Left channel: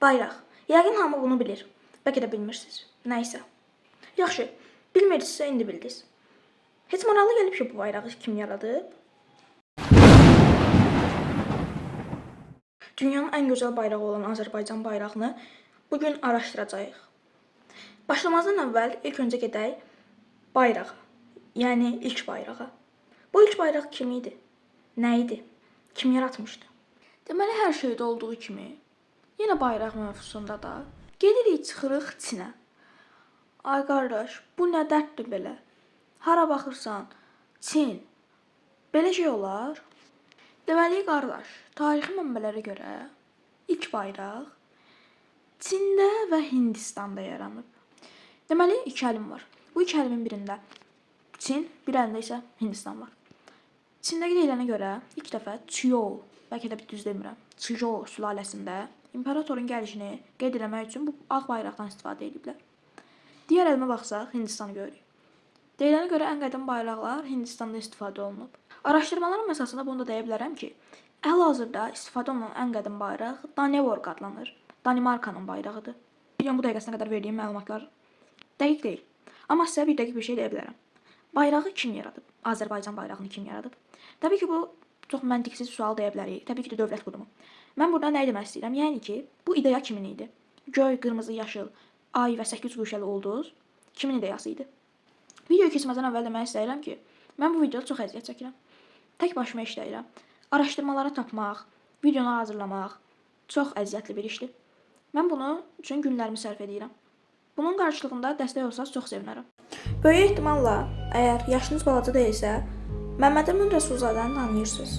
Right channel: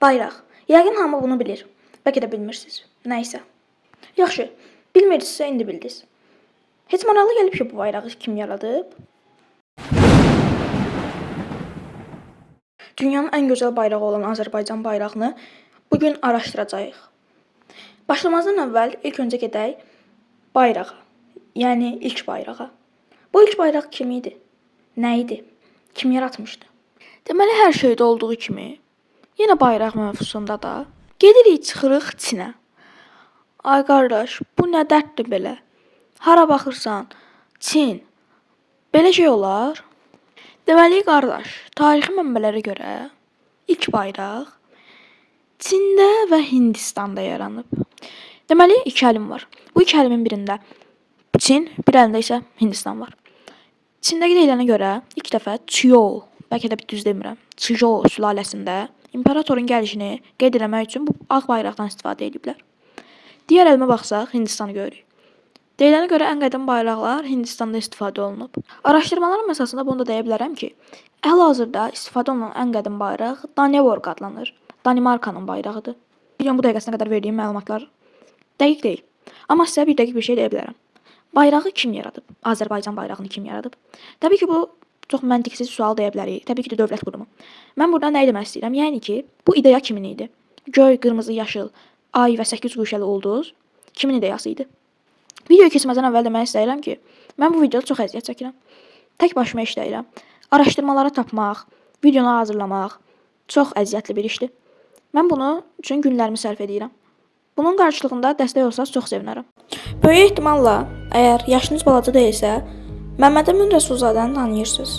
Bayraq. Yəqin hamı bunu bilir. Bəlkə də bilmirsiniz. Nəysə. Yaxşı, bilmirsinizsə indi bildiniz. Heç maraqlı gəlib ki, bu bayrağı kim yaradıb? Dünyanın ən gözəl bayrağı olan Azərbaycan bayrağını bugün araşdıracağıq. Başlamazdan əvvəl ilk öncə gedək bayrağa, yəni ilk bayrağa. Bu ilk bayraq kim idi? Nə idi? Kim yaratmışdı? Deməli, hər şeydə olduğu kimi, yenə bayraq mövzusunda da gedirik, çıxırıq Çinə. Ay qardaş, bu nə dərddir belə? Hara baxırsan, Çin. Belə şey olar? Deməli, qardaş, tarixi mənbələrə görə ilk bayraq Çində və Hindistanda yaranıb. Deməli, iki əlim var. Bu iki əlimin birində Çin, bir əlində isə Hindistan var. Çindəki deyilənə görə ilk dəfə Çiyou, bəlkə də düz demirəm, Çiyou sülaləsində imperatorun gəlişini qeyd etmək üçün bu ağ bayraqdan istifadə ediblər. Digər əlimə baxsaq, Hindistanı görürük. Deyilənə görə ən qədim bayraqlar Hindistanda istifadə olunub. Araşdırmalarım əsasında bunu da deyə bilərəm ki, hal-hazırda istifadə olunan ən qədim bayraq Danevorq adlanır. Danimarkanın bayrağıdır. Bilirəm, bu dəqiqəsinə qədər verdiyim məlumatlar dəqiq deyil. Amma sizə bir dəqiq bir şey deyə bilərəm. Bayrağı kim yaradıb? Azərbaycan bayrağını kim yaradıb? Təbii ki, bu çox məntiqsiz sual deyə bilərik. Təbii ki də dövlət qurumu. Mən burada nə demək istəyirəm? Yəni ki, bu ideya kimin idi? Göy, qırmızı, yaşıl, ay və 8 quşəli ulduz kimin ideyası idi? Videoya keçməzdən əvvəl demək istəyirəm ki, mən bu videoda çox əziyyət çəkirəm. Tək başıma işləyirəm. Araşdırmaları tapmaq, videonu hazırlamaq çox əziyyətli bir işdir. Mən bunu üçün günlərimi sərf edirəm. Bunun qarşılığında dəstək olsanız çox sevinərəm. Böyük ehtimalla, əgər yaşınız balaca deyilsə, Məmməd Əmin Rəsulzadəni tanıyırsınız.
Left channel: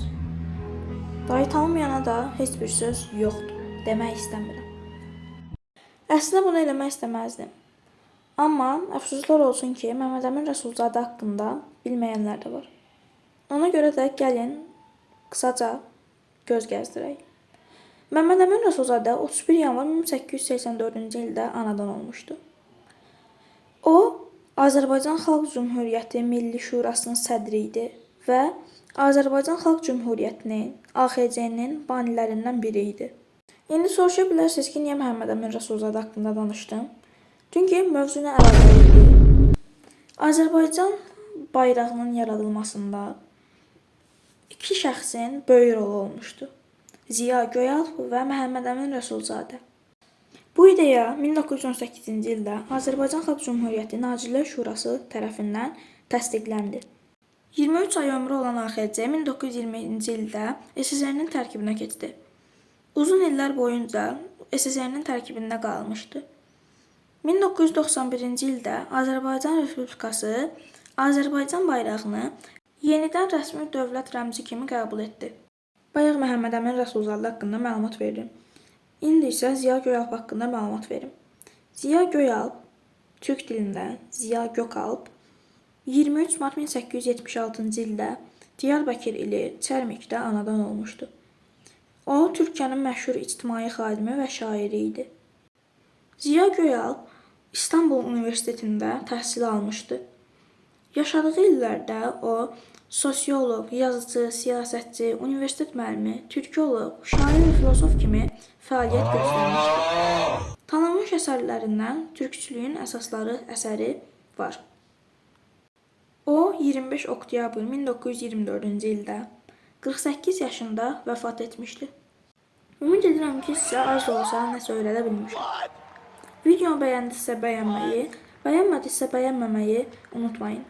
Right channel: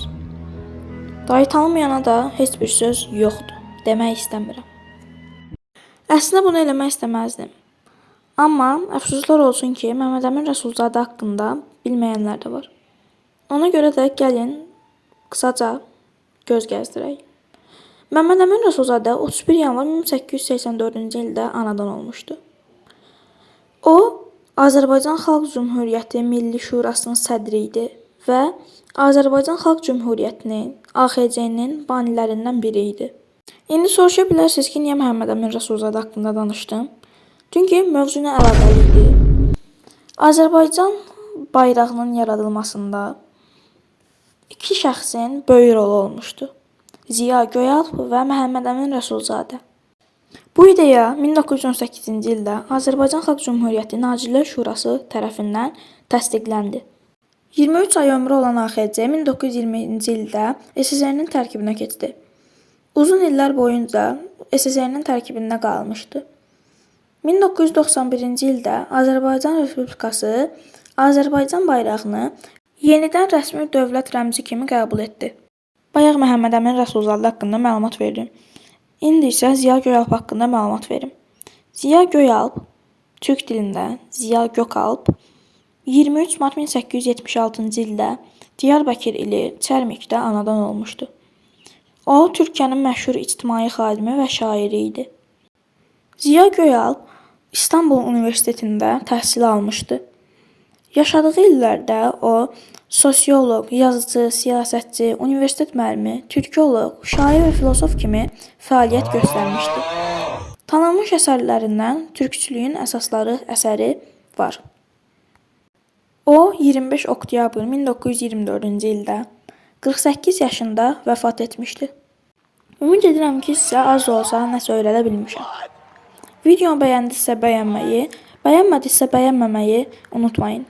Dayı tanımayana da heç bir söz yoxdur, demək istəmirəm. Əslində bunu eləmək istəməzdim. Amma əfsuslar olsun ki, Məmməd Əmin Rəsulzadə haqqında bilməyənlər də var. Ona görə də gəlin qısaca göz gəzdirək. Məmməd Əmin Rəsulzadə 31 yanvar 1884-cü ildə anadan olmuşdu. O, Azərbaycan Xalq Cümhuriyyəti Milli Şurasının sədri idi və Azərbaycan Xalq Cümhuriyyətinin, AXC-nin banilərindən biri idi. İndi soruşa bilərsiniz ki, niyə Məmməd Əmin Rəsulzadə haqqında danışdım? Çünki mövzu ilə əlaqəli idi. Azərbaycan bayrağının yaradılmasında iki şəxsin böyük rolu olmuşdu. Ziya Göyalp və Məhəmməd Əmin Rəsulzadə. Bu ideya 1918-ci ildə Azərbaycan Xalq Cümhuriyyəti Nazirlər Şurası tərəfindən təsdiqləndi. 23 ay ömrü olan AXC 1920-ci ildə SSR-nin tərkibinə keçdi. Uzun illər boyunca SSR-nin tərkibində qalmışdı. 1991-ci ildə Azərbaycan Respublikası Azərbaycan bayrağını yenidən rəsmi dövlət rəmzi kimi qəbul etdi. Bayaq Məhəmməd Əmin Rəsulzadə haqqında məlumat verdim. İndi isə Ziya Göyalp haqqında məlumat verim. Ziya Göyalp, türk dilində Ziya Gökalp, 23 mart 1876-cı ildə Diyarbəkir ili Çərmikdə anadan olmuşdu. O, Türkiyənin məşhur ictimai xadimi və şairi idi. Ziya Göyalp İstanbul Universitetində təhsil almışdı. Yaşadığı illərdə o, sosioloq, yazıcı, siyasətçi, universitet müəllimi, türkoloq, şair və filosof kimi fəaliyyət göstərmişdi. Tanınmış əsərlərindən Türkçülüyün əsasları əsəri var. O, 25 oktyabr 1924-cü ildə 48 yaşında vəfat etmişdi. Ümid edirəm ki, sizə az da olsa nəsə öyrədə bilmişəm. Videonu bəyəndisə bəyənməyi, bəyənmədisə bəyənməməyi unutmayın.